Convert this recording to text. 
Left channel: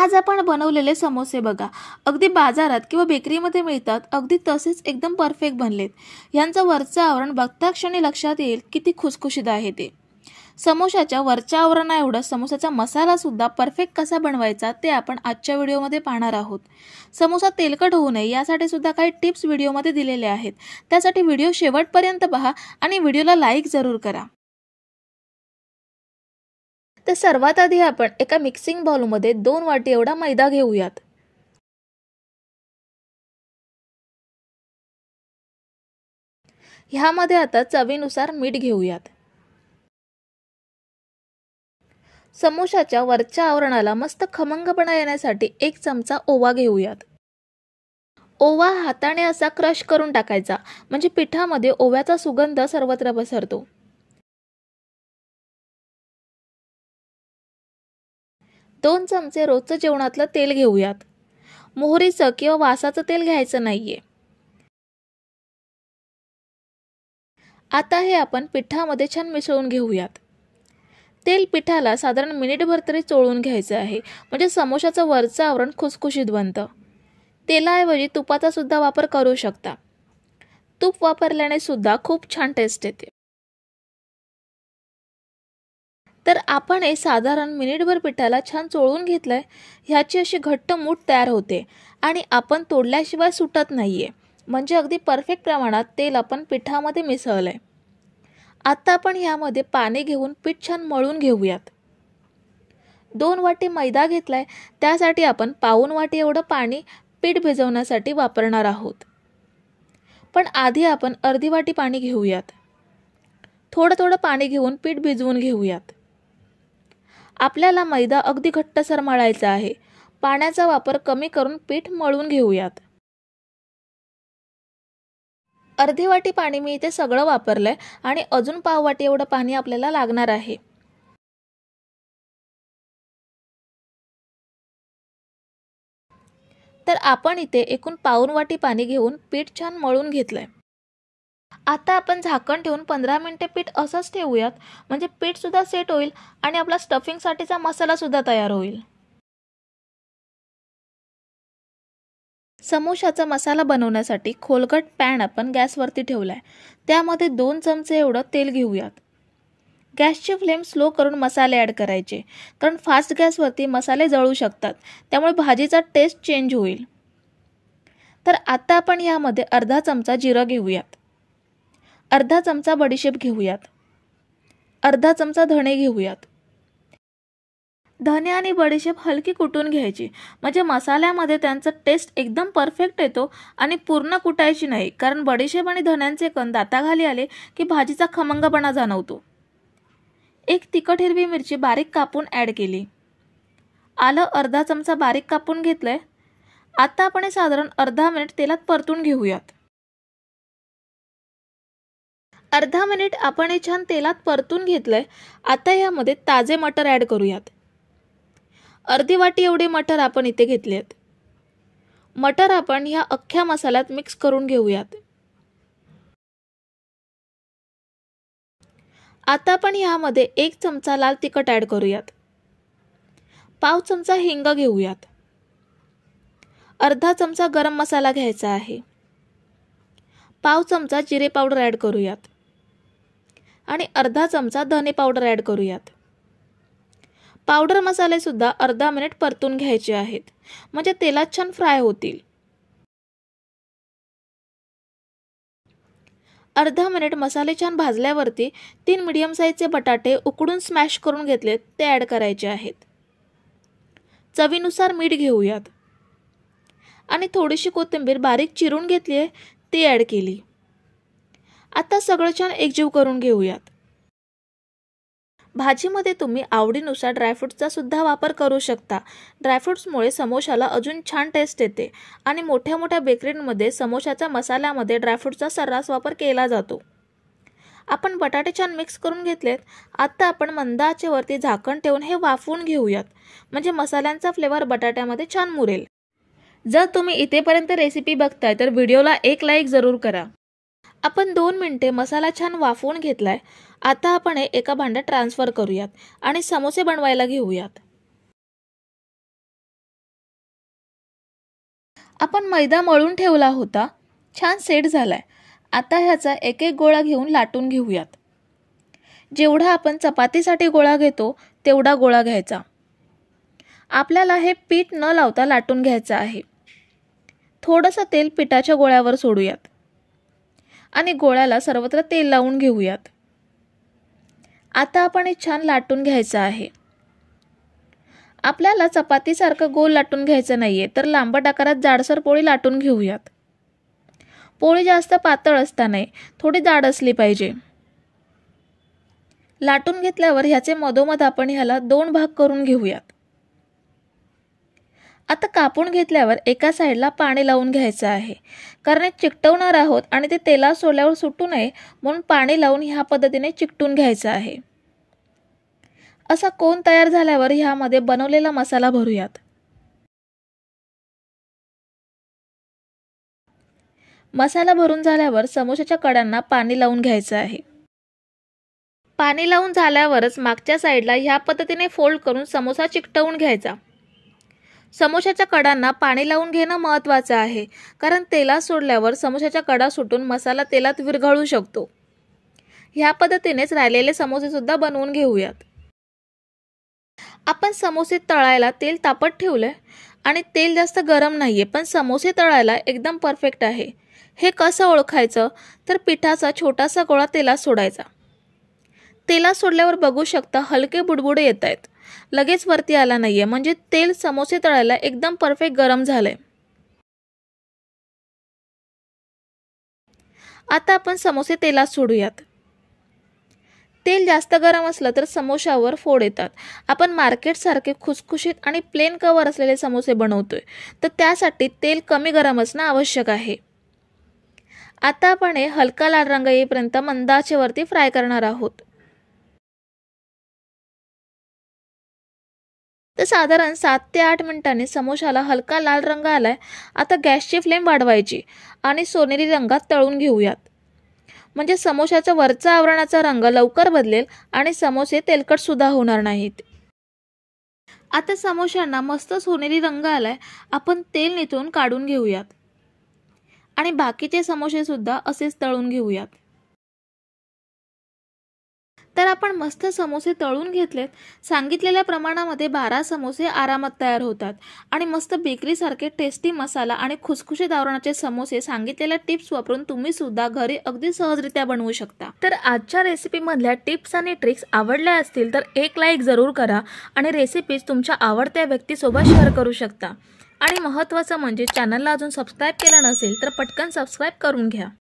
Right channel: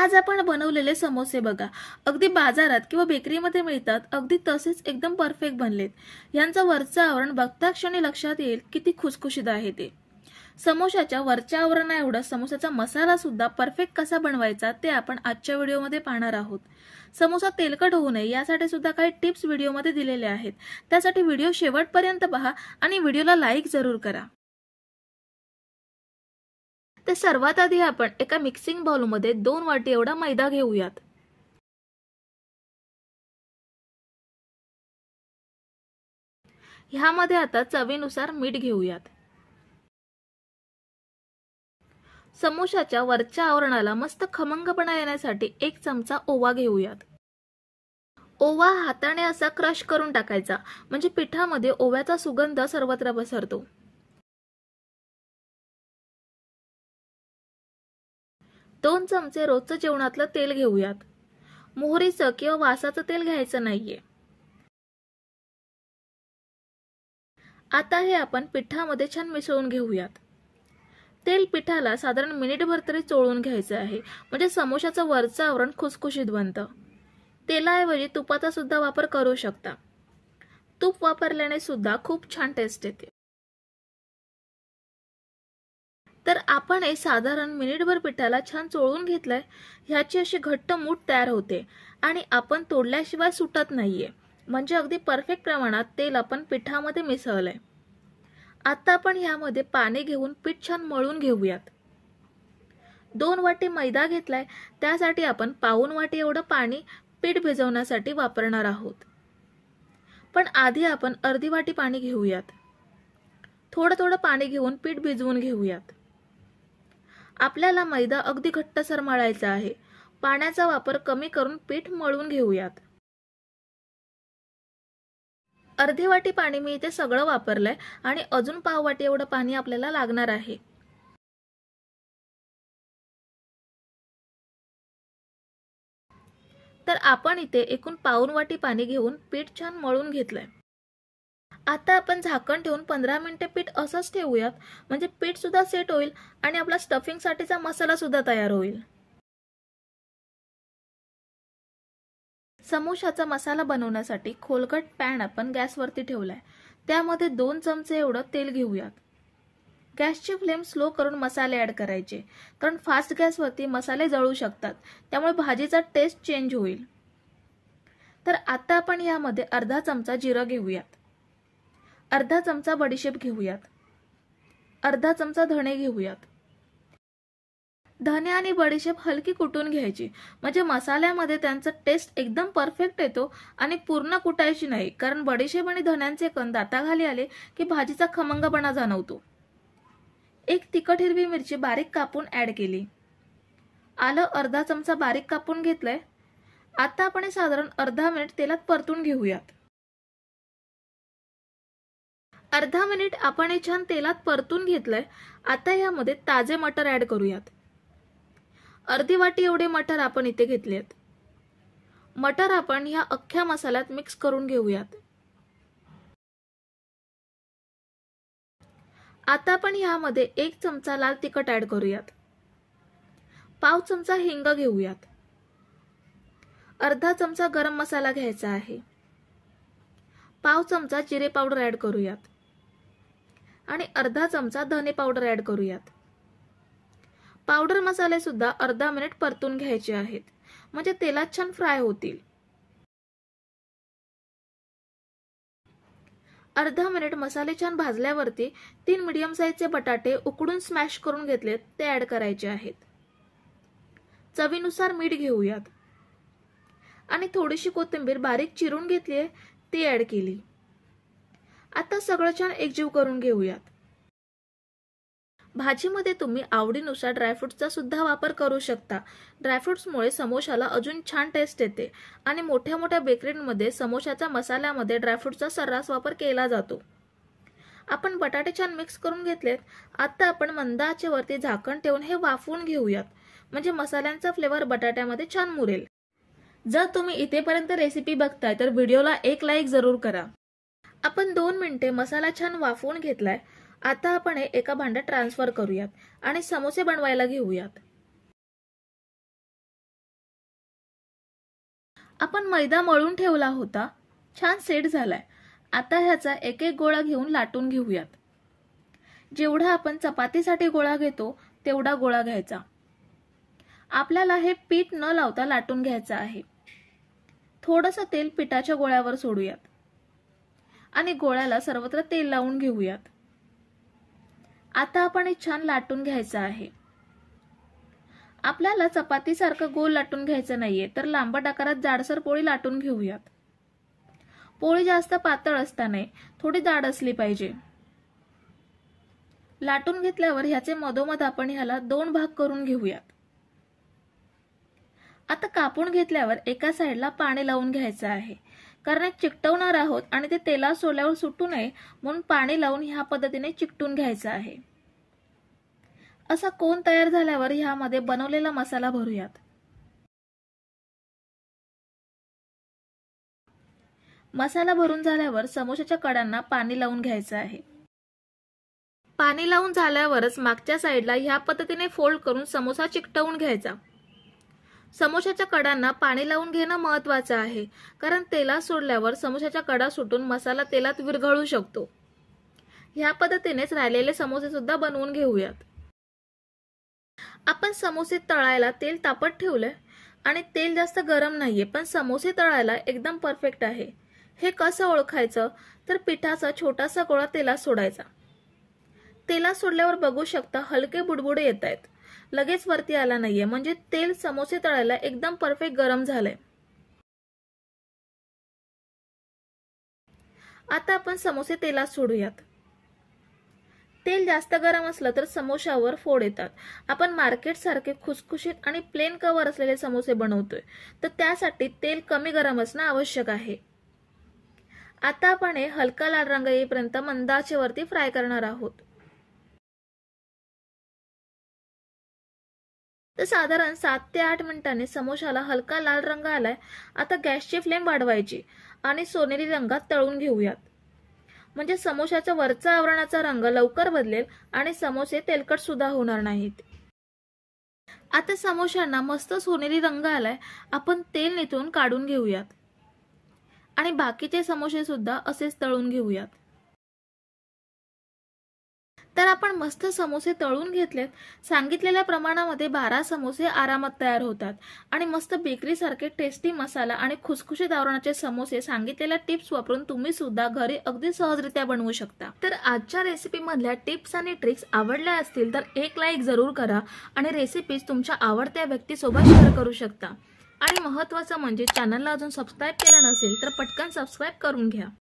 आज आपण बनवलेले समोसे बघा, अगदी बाजारात किंवा बेकरीमध्ये मिळतात, अगदी तसेच एकदम परफेक्ट बनलेत। यांचं वरचं आवरण बघता क्षणी लक्षात येईल किती खुसखुशीत आहे ते। समोशाच्या वरच्या आवरणाएवढा समोसाचा मसाला सुद्धा परफेक्ट कसा बनवायचा ते आपण आजच्या व्हिडिओमध्ये पाहणार आहोत। समोसा तेलकट होऊ नये यासाठी सुद्धा काही टिप्स व्हिडिओमध्ये दिलेले आहेत, त्यासाठी व्हिडिओ शेवटपर्यंत पहा आणि व्हिडिओला लाईक जरूर करा। तर सर्वात आधी आपण एका मिक्सिंग बाउलमध्ये 2 वाटी एवढा मैदा घेऊयात। ह्यामध्ये आता चवीनुसार मीठ घेऊयात। समोशाच्या वरच्या आवरणाला मस्त खमंगपणा येण्यासाठी 1 चमचा ओवा घेऊयात। ओवा हाताने असा क्रश करून टाकायचा, म्हणजे पिठामध्ये ओव्याचा सुगंध सर्वत्र पसरतो। 2 चमचे रोजचं जेवणातलं तेल घेऊयात। मोहरीचं किंवा वासाचं तेल घ्यायचं नाहीये। आता हे आपण पिठामध्ये छान मिसळून घेऊयात। तेल पिठाला साधारण मिनिटभर तरी चोळून घ्यायचं आहे, म्हणजे समोशाचं वरचं आवरण खुसखुशीत बनतं। तेलाऐवजी तुपाचा सुद्धा वापर करू शकता। तूप वापरल्याने सुद्धा खूप छान टेस्ट येते। तर आपण हे साधारण मिनिटभर पिठाला छान चोळून घेतलंय। ह्याची अशी घट्ट मूठ तयार होते आणि आपण तोडल्याशिवाय सुटत नाहीये, म्हणजे अगदी परफेक्ट प्रमाणात तेल आपण पिठामध्ये मिसळलंय। आता आपण ह्यामध्ये पाणी घेऊन पीठ छान मळून घेऊयात। 2 वाटी मैदा घेतलाय, त्यासाठी आपण पाऊण वाटी एवढं पाणी पीठ भिजवण्यासाठी वापरणार आहोत। पण आधी आपण अर्धी वाटी पाणी घेऊयात। थोडं थोडं पाणी घेऊन पीठ भिजवून घेऊयात। आपल्याला मैदा अगदी घट्टसर मळायचा आहे, पाण्याचा वापर कमी करून पीठ मळून घेऊयात। अर्धी वाटी पाणी मी इथे सगळं वापरलंय आणि अजून पाव वाटी एवढं पाणी आपल्याला लागणार आहे। तर आपण इथे एकूण पाऊण वाटी पाणी घेऊन पीठ छान मळून घेतलंय। आता आपण झाकण ठेवून 15 मिनिटे पीठ असंच ठेवूयात, म्हणजे पीठ सुद्धा सेट होईल आणि आपला स्टफिंग साठीचा मसाला सुद्धा तयार होईल। समोशाचा मसाला बनवण्यासाठी खोलगट पॅन आपण गॅसवरती ठेवलाय। त्यामध्ये 2 चमचे एवढं तेल घेऊयात। गॅसची फ्लेम स्लो करून मसाले ॲड करायचे, कारण फास्ट गॅसवरती मसाले जळू शकतात, त्यामुळे भाजीचा टेस्ट चेंज होईल। तर आता आपण यामध्ये अर्धा चमचा जिरं घेऊयात। अर्धा चमचा बडीशेप घेऊयात। अर्धा चमचा धणे घेऊयात। धणे आणि बडीशेप हलकी कुटून घ्यायची, म्हणजे मसाल्यामध्ये त्यांचा टेस्ट एकदम परफेक्ट येतो आणि पूर्ण कुटायची नाही, कारण बडीशेप आणि धण्यांचे कण दाताखाली आले की भाजीचा खमंगपणा जाणवतो। 1 तिखट हिरवी मिरची बारीक कापून ॲड केली। आलं अर्धा चमचा बारीक कापून घेतलंय। आता आपण हे साधारण अर्धा मिनिट तेलात परतून घेऊयात। अर्धा मिनिट आपण हे छान तेलात परतून घेतलंय। आता यामध्ये ताजे मटर ॲड करूयात। अर्धी वाटी एवढे मटर आपण इथे घेतलेत। मटर आपण ह्या अख्ख्या मसाल्यात मिक्स करून घेऊयात। आता आपण ह्यामध्ये 1 चमचा लाल तिखट ॲड करूयात। पाव चमचा हिंग घेऊयात। अर्धा चमचा गरम मसाला घ्यायचा आहे। पाव चमचा जिरे पावडर ॲड करूयात आणि अर्धा चमचा धने पावडर ॲड करूयात। पावडर मसाले सुद्धा अर्धा मिनिट परतून घ्यायचे आहेत, म्हणजे तेलात छान फ्राय होतील। अर्धा मिनिट मसाले छान भाजल्यावरती 3 मीडियम साईजचे बटाटे उकडून स्मॅश करून घेतलेत ते ॲड करायचे आहेत। चवीनुसार मीठ घेऊयात आणि थोडीशी कोथिंबीर बारीक चिरून घेतली आहे ती ॲड केली। आता सगळं छान एकजीव करून घेऊयात। भाजीमध्ये तुम्ही आवडीनुसार ड्रायफ्रुट्सचा सुद्धा वापर करू शकता। ड्रायफ्रुट्समुळे समोशाला अजून छान टेस्ट येते आणि मोठ्या मोठ्या बेकरीमध्ये समोशाच्या मसाल्यामध्ये ड्रायफ्रुट्सचा सर्रास वापर केला जातो। आपण बटाटे छान मिक्स करून घेतलेत। आता आपण मंद आचेवरती झाकण ठेवून हे वाफवून घेऊयात, म्हणजे मसाल्यांचा फ्लेवर बटाट्यामध्ये छान मुरेल। जर तुम्ही इथेपर्यंत रेसिपी बघताय तर व्हिडिओला एक लाईक जरूर करा। आपण 2 मिनिटे मसाला छान वाफवून घेतलाय। आता आपण हे एका भांड्यात ट्रान्सफर करूयात आणि समोसे बनवायला घेऊयात। आपण मैदा मळून ठेवला होता, छान सेट झालाय। आता ह्याचा एक एक गोळा घेऊन लाटून घेऊयात। जेवढा आपण चपातीसाठी गोळा घेतो तेवढा गोळा घ्यायचा। आपल्याला हे पीठ न लावता लाटून घ्यायचं आहे। थोडंसं तेल पिठाच्या गोळ्यावर सोडूयात आणि गोळ्याला सर्वत्र तेल लावून घेऊयात। आता आपण हे छान लाटून घ्यायचं आहे। आपल्याला चपातीसारखं गोल लाटून घ्यायचं नाहीये, तर लांबट आकारात जाडसर पोळी लाटून घेऊयात। पोळी जास्त पातळ असता नाही, थोडी जाड असली पाहिजे। लाटून घेतल्यावर ह्याचे मधोमध आपण ह्याला 2 भाग करून घेऊयात। आता कापून घेतल्यावर एका साईडला पाणी लावून घ्यायचं आहे, कारण हे चिकटवणार आहोत आणि ते तेलात सोडल्यावर सुटू नये म्हणून पाणी लावून ह्या पद्धतीने चिकटून घ्यायचं आहे। असा कोन तयार झाल्यावर ह्यामध्ये बनवलेला मसाला भरूयात। मसाला भरून झाल्यावर समोसाच्या कडांना पाणी लावून घ्यायचं आहे। पाणी लावून झाल्यावरच मागच्या साईडला ह्या पद्धतीने फोल्ड करून समोसा चिकटवून घ्यायचा। समोसाच्या कडांना पाणी लावून घेणं महत्त्वाचं आहे, कारण तेलात सोडल्यावर समोसाच्या कडा सुटून मसाला तेलात विरघळू शकतो। ह्या पद्धतीनेच राहिलेले समोसे सुद्धा बनवून घेऊयात। आपण समोसे तळायला तेल तापत ठेवलंय आणि तेल जास्त गरम नाहीये, पण समोसे तळायला एकदम परफेक्ट आहे। हे कसं ओळखायचं तर पिठाचा छोटासा गोळा तेलात सोडायचा। तेलात सोडल्यावर बघू शकता हलके बुडबुडे येत आहेत, लगेच वरती आला नाहीये, म्हणजे तेल समोसे तळायला एकदम परफेक्ट गरम झालंय। आता आपण समोसे तेलात सोडूयात। तेल जास्त गरम असलं तर समोशावर फोड येतात। आपण मार्केट सारखे खुसखुशीत आणि प्लेन कवर असलेले समोसे बनवतोय, तर त्यासाठी तेल कमी गरम असणं आवश्यक आहे। आता आपण हे हलका लाल रंग येईपर्यंत मंद आचेवरती फ्राय करणार आहोत। तर साधारण 7 ते 8 मिनिटांनी समोशाला हलका लाल रंग आलाय। आता गॅसची फ्लेम वाढवायची आणि सोनेरी रंगात तळून घेऊयात, म्हणजे समोशाच्या वरचा आवरणाचा रंग लवकर बदलेल आणि समोसे तेलकट सुद्धा होणार नाहीत। आता समोशांना मस्त सोनेरी रंग आलाय, आपण तेल निथळून काढून घेऊयात आणि बाकीचे समोसे सुद्धा असेच तळून घेऊयात। तर आपण मस्त समोसे तळून घेतलेत। सांगितलेल्या प्रमाणामध्ये 12 समोसे आरामात तयार होतात आणि मस्त बेकरी सारखे टेस्टी मसाला आणि खुसखुशीत आवरणाचे समोसे सांगितलेल्या टिप्स वापरून तुम्ही सुद्धा घरी अगदी सहजरित्या बनवू शकता। तर आजच्या रेसिपी मधल्या टिप्स आणि ट्रिक्स आवडल्या असतील तर एक लाईक जरूर करा आणि रेसिपीज तुमच्या आवडत्या व्यक्तीसोबत शेअर करू शकता। आणि महत्त्वाचं म्हणजे चॅनलला अजून सबस्क्राइब केलं नसेल तर पटकन सबस्क्राइब करून घ्या।